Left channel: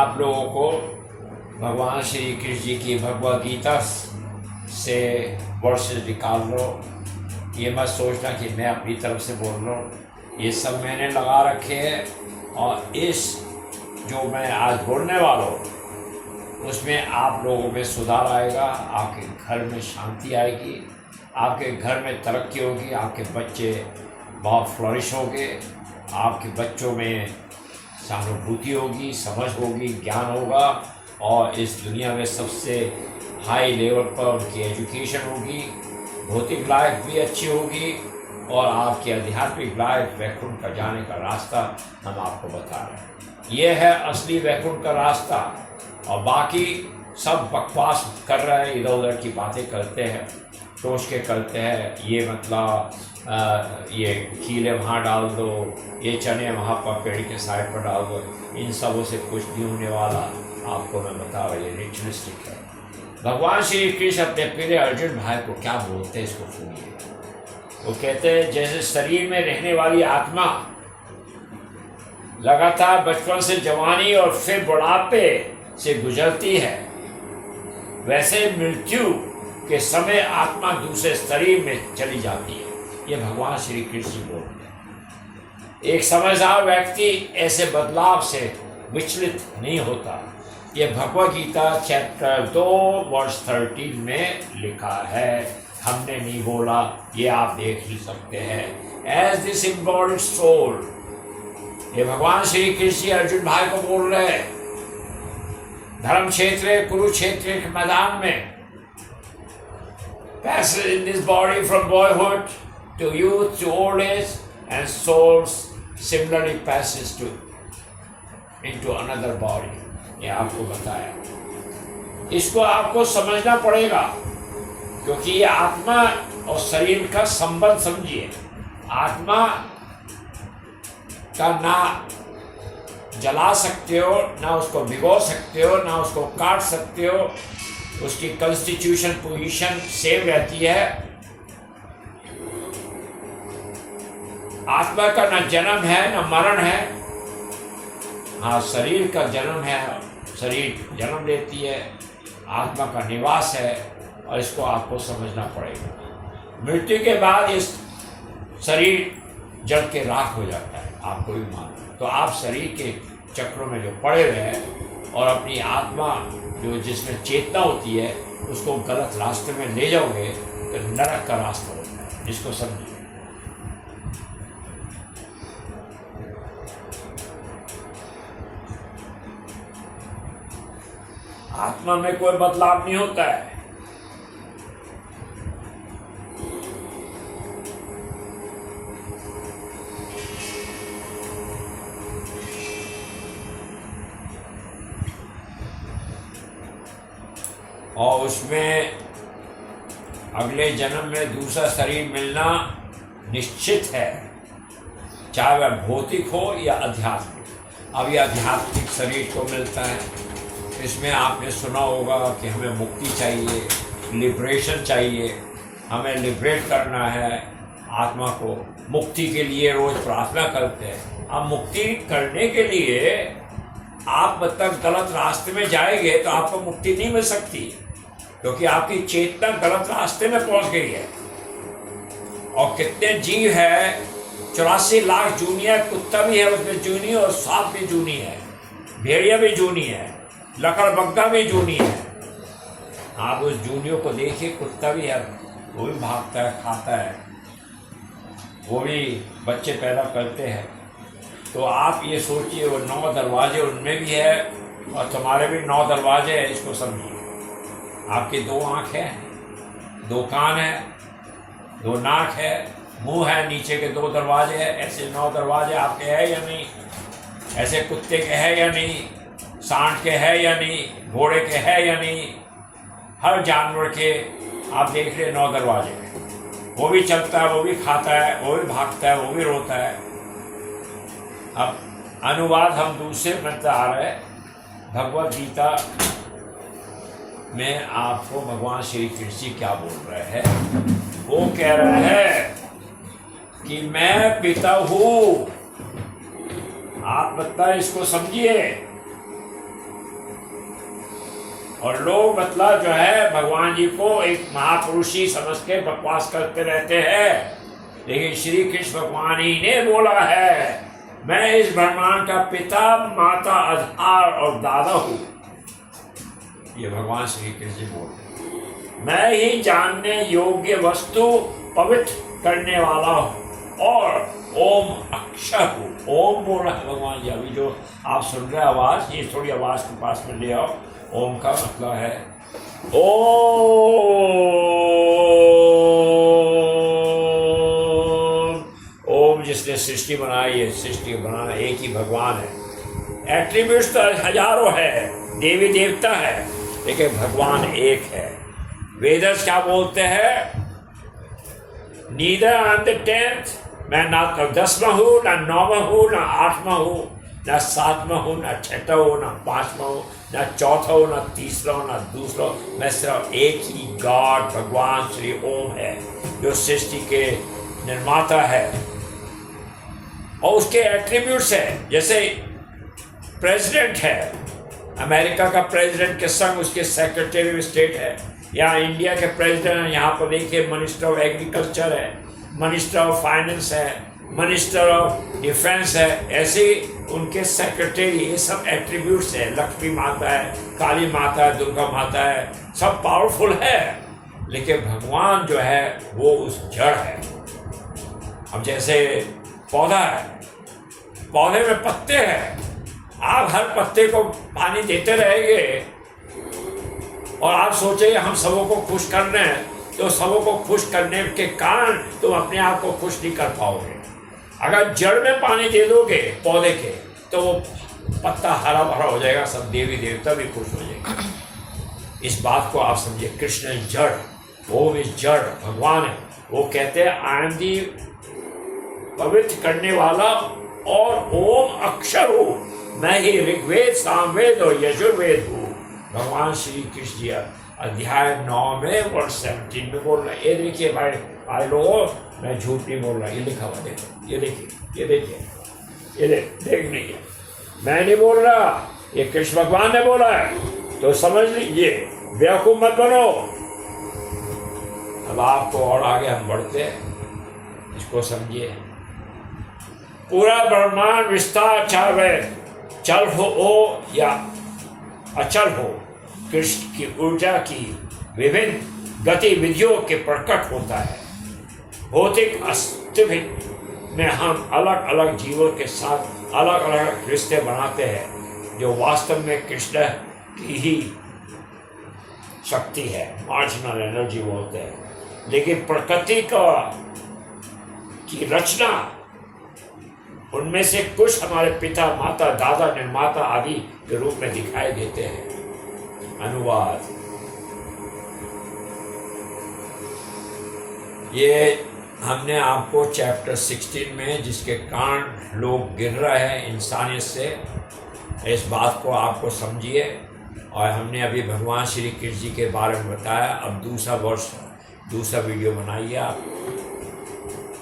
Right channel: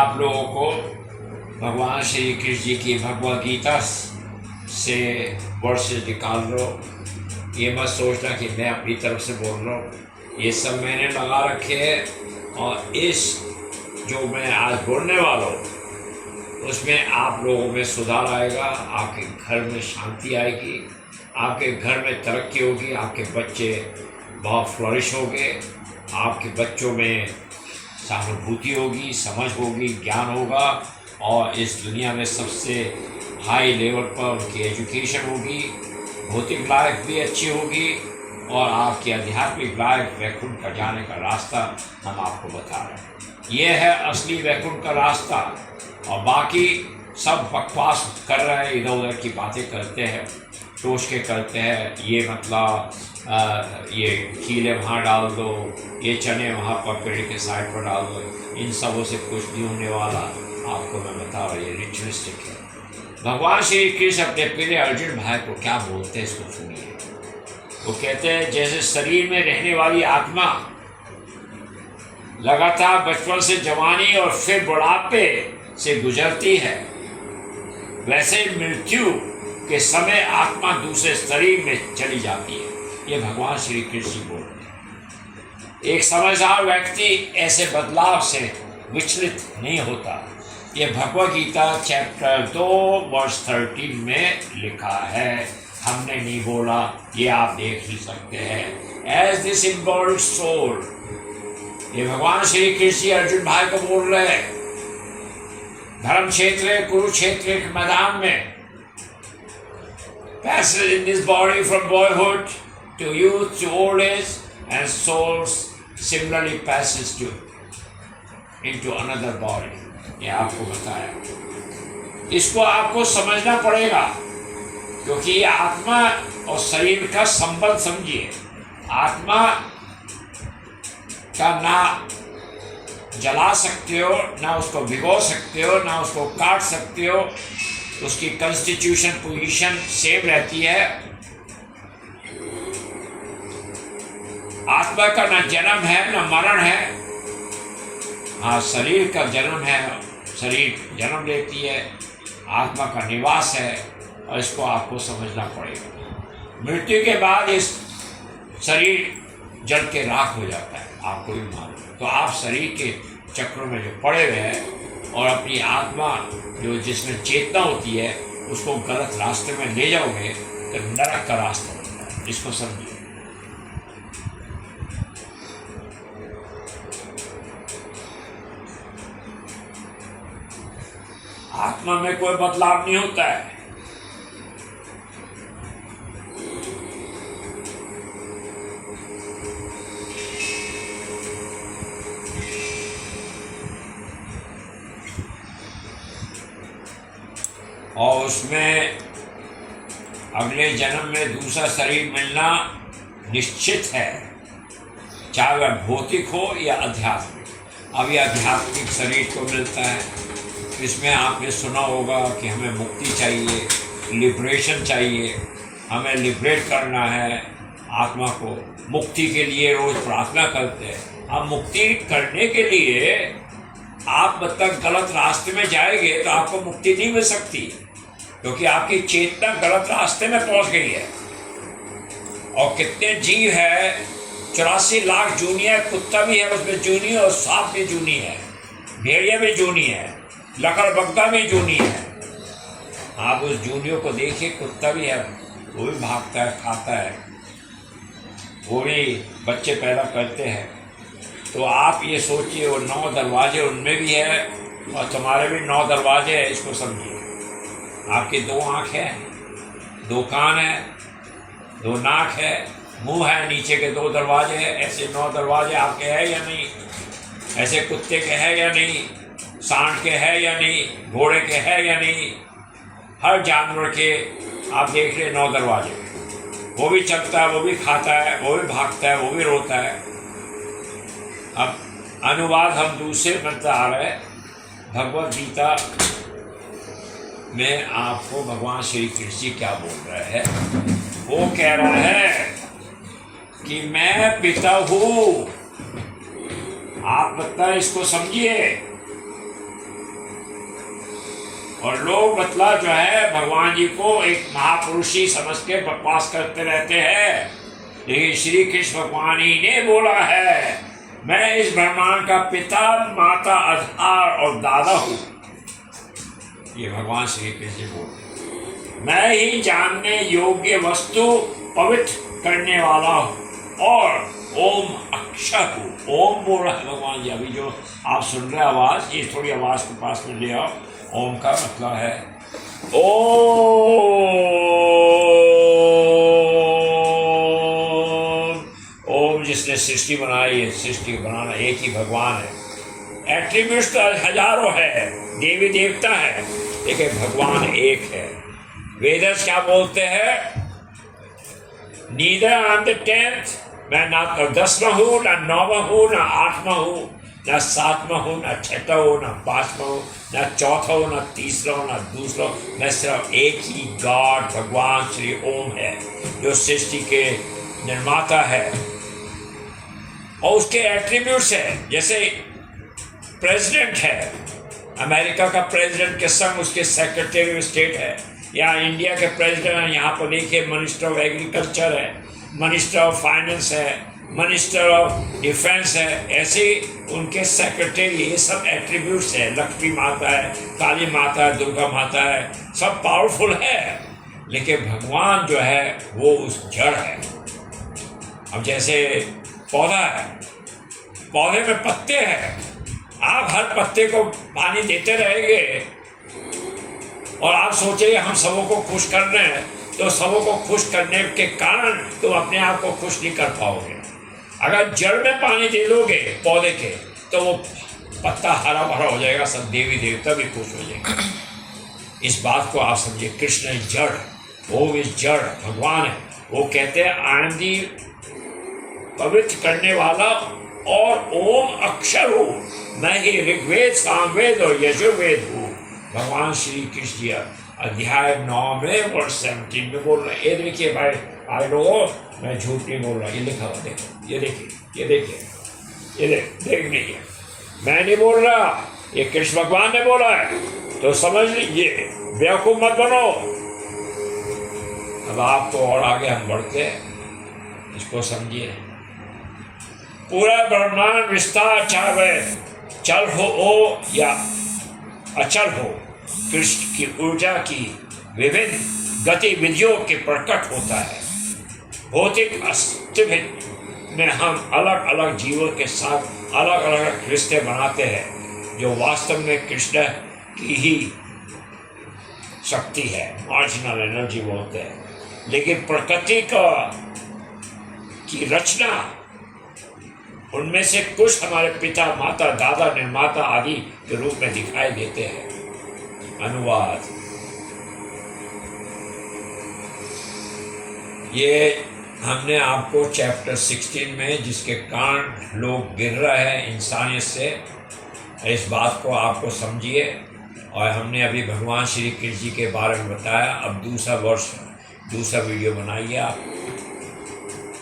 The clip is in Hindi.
आप लोगों को भगवान श्री कृष्ण जी की भगवद गीता से वर्सेस निकाल लो। ये मत सोचना कि मैं अपनी तरफ से बोल रहा हूँ, ये सब मैंने लगा रखे हैं। और इस जो मैं आज बोलने वाला हूँ उसमें आप लोगों में सुधार आएगा, आपके घर में शांति आएगी, आपके घर में तरक्की होगी, आपके बच्चे बहुत फ्लरिश होंगे, आपके बच्चों में सहानुभूति होगी, समझ होगी, ज्ञान होगा, और इस दुनिया में सबसे हाई लेवल पर उनकी एजुकेशन होगी, भौतिक लाइफ भी अच्छी होगी, और आपकी आध्यात्मिक लाइफ वैकुंठ का जाने का रास्ता हम आपको बता रहे हैं। ये है असली वैकुंठ का रास्ता। और बाकी सब बकवास कर रहे हैं, इधर उधर की बातें करते हैं, सोच के करते हैं। ये मतलब ये कीले वहाँ डाल दो, ये चने वहाँ पर पेड़ के साइड पर डाल दो, इन सबों से कुछ नहीं होने वाला। आपको मैं बता रहा हूँ, ये रिचुअलिस्टिक है। भगवान श्री कृष्ण अपने प्रिय अर्जुन भाई को क्या बोलते हैं, इसको सुनिए। वो कहते हैं जैसे शरीर में रहने वाली आत्मा लगातार बचपन से जवानी और फिर बुढ़ापे से गुजरती है, वैसे मृत्यु के समय आत्मा दूसरे शरीर में चली जाती है। ये भगवान श्री कृष्ण बोल रहे हैं। एक समझदार व्यक्ति ऐसे बदलाव से विचलित नहीं होता। ये भगवद गीता चैप्टर 2 वर्स 13 में लिखा है, हमने नहीं बोला, ये आप देख ही सकते हैं। एज दिस इम्बॉल्ड सोल, ये भगवान श्री कृष्ण अर्जुन भाई को बोल रहे हैं। धर्म क्षेत्र कुरुक्षेत्र के मैदान में passes in this body from boyhood to youth to old age, and souls similarly passes to into another body. ये आपको बताया, इसको आपको समझना पड़ेगा, क्योंकि ये आत्मा और शरीर का संबंध समझिए। आत्मा का ना जला सकते हो, ना उसको भिगो सकते हो, ना उसको काट सकते हो, उसकी कॉन्स्टिट्यूशन पोजीशन सेम रहती है। आत्मा का ना जन्म है ना मरण है। हाँ, शरीर का जन्म है, शरीर जन्म लेती है, आत्मा का निवास है, और इसको आपको समझना पड़ेगा। मृत्यु के बाद इस शरीर जल के राख हो जाता है, आपको भी मालूम। तो आप शरीर के चक्रों में जो पड़े हुए हैं और अपनी आत्मा जो जिसमें चेतना होती है उसको गलत रास्ते में ले जाओगे तो नरक का रास्ता होता है। इसको समझिए। आत्मा में कोई बदलाव नहीं होता है। और उसमें अगले जन्म में दूसरा शरीर मिलना निश्चित है, चाहे वह भौतिक हो या आध्यात्मिक। अब यह आध्यात्मिक शरीर को मिलता है। इसमें आपने सुना होगा कि हमें मुक्ति चाहिए, लिबरेशन चाहिए, हमें लिबरेट करना है आत्मा को। मुक्ति के लिए रोज प्रार्थना करते हैं। अब मुक्ति करने के लिए आप मतलब गलत रास्ते में जाएंगे तो आपको मुक्ति नहीं मिल सकती, क्योंकि आपकी चेतना गलत रास्ते में पहुंच गई है। और कितने जीव है, 84 लाख जूनी है, कुत्ता भी है उसमें जूनी, और सांप भी जूनी है, भेड़िया भी जूनी है, लकड़बग्गा भी जूनी है। आप उस जूनियों को देखिए, कुत्ता भी है, वो भी भागता है, खाता है, वो भी बच्चे पैदा करते हैं। तो आप ये सोचिए, वो 9 दरवाजे उनमें भी है और तुम्हारे भी 9 दरवाजे हैं। इसको समझिए। आपके 2 आँख है, 2 कान है, 2 नाक है, मुंह है, नीचे के 2 दरवाजे हैं। ऐसे 9 दरवाजे आपके हैं या नहीं? ऐसे कुत्ते के हैं या नहीं? सांड के हैं या नहीं? घोड़े के हैं या नहीं? हर जानवर के आप देख रहे 9 दरवाजे। वो भी चलता है, वो भी खाता है, वो भी भागता है, वो भी रोता है। अब अनुवाद हम दूसरे में आ रहे हैं। भगवद गीता में आपको भगवान श्री कृष्ण क्या बोल रहे हैं? वो कह रहे हैं कि मैं पिता हूँ। आप मतलब इसको समझिए। और लोग मतलब जो है भगवान जी को एक महापुरुषी समझ के बकवास करते रहते हैं, लेकिन श्री कृष्ण भगवान ही ने बोला है, मैं इस ब्रह्मांड का पिता, माता, आधार और दादा हूँ। ये भगवान श्री कृष्ण बोल, मैं ही जानने योग्य वस्तु पवित्र करने वाला हूँ और ओम अक्षर हूँ। ओम बोल रहा है भगवान जी। अभी जो आप सुन रहे आवाज़, ये थोड़ी आवाज़ के पास में ले आओ। ओम का मतलब है ओम जिसने सृष्टि बनाई है, सृष्टि को बनाना एक ही भगवान है। एट्रीब्यूट्स तो हजारों है, देवी देवता है, लेकिन भगवान एक है। वेदर्स क्या बोलते हैं? Neither I am the 10th, मैं ना 10वां हूँ, ना 9वां हूँ, ना 8वां हूँ, ना 7वां हूँ, ना 6वां हूँ, ना 5वां हूँ, ना 4था हूँ, ना 3रा हूँ, ना 2रा। मैं सिर्फ एक ही गॉड भगवान श्री ओम है, जो सृष्टि के निर्माता है। और उसके एट्रीब्यूट्स है, जैसे प्रेसिडेंट है, अमेरिका का प्रेसिडेंट के संग उसके सेक्रेटरी ऑफ स्टेट है, या इंडिया के प्रेसिडेंट यहाँ पर देखिए मिनिस्टर ऑफ एग्रीकल्चर है, मिनिस्टर ऑफ फाइनेंस है, मिनिस्टर ऑफ डिफेंस है, ऐसे उनके सेक्रेटरी, ये सब एट्रीब्यूट्स है। लक्ष्मी माता है, काली माता है, दुर्गा माता है, सब पावरफुल है, लेकिन भगवान जो है वो उस जड़ है। अब जैसे पौधा है, पौधे में पत्ते हैं, आप हर पत्ते को पानी देते रहेंगे और आप सोचेंगे हम सबों को खुश करना है, तो सबों को खुश करने के कारण तुम अपने आप को खुश नहीं कर पाओगे। अगर जड़ में पानी दे दोगे पौधे के, तो वो पत्ता हरा भरा हो जाएगा, सब देवी देवता भी खुश हो जाएंगे। इस बात को आप समझिए। कृष्ण जड़, वो इस जड़ भगवान है। वो कहते हैं आई एम दी पवित्र करने वाला और ओम अक्षर हूँ, मैं ही ऋग्वेद, सामवेद और यजुर्वेद हूँ। भगवान श्री कृष्ण जी अध्याय 9 में वर्ष 17 में बोल रहे हैं। ये देखिए भाई लोगों, मैं झूठ नहीं बोल रहा, ये लिखा हुआ देखो, ये देखिए, ये देखिए, ये देख लीजिए, मैं नहीं बोल रहा, ये कृष्ण भगवान ने बोला है, तो समझ लीजिए, बेवकूफ मत बनो। अब आप तो और आगे हम बढ़ते हैं, इसको समझिए। पूरा ब्रह्मांड विस्तार चाहे चल हो या अचल हो, कृष्ण की ऊर्जा की विभिन्न गतिविधियों के प्रकट होता है। भौतिक अस्तित्व में हम अलग अलग जीवों के साथ अलग अलग रिश्ते बनाते हैं, जो वास्तव में कृष्ण की ही शक्ति है, मार्जिनल एनर्जी बोलते हैं। लेकिन प्रकृति की रचना, उनमें से कुछ हमारे पिता, माता, दादा, निर्माता आदि के रूप में दिखाई देते हैं। अनुवाद। ये हमने आपको चैप्टर 16 में, जिसके कारण लोग गिर रहे हैं इंसानियत से, इस बात को आपको समझिए। और हमने अभी भगवान श्री कृष्ण जी के बारे में बताया। अब दूसरा वीडियो बनाइए आप।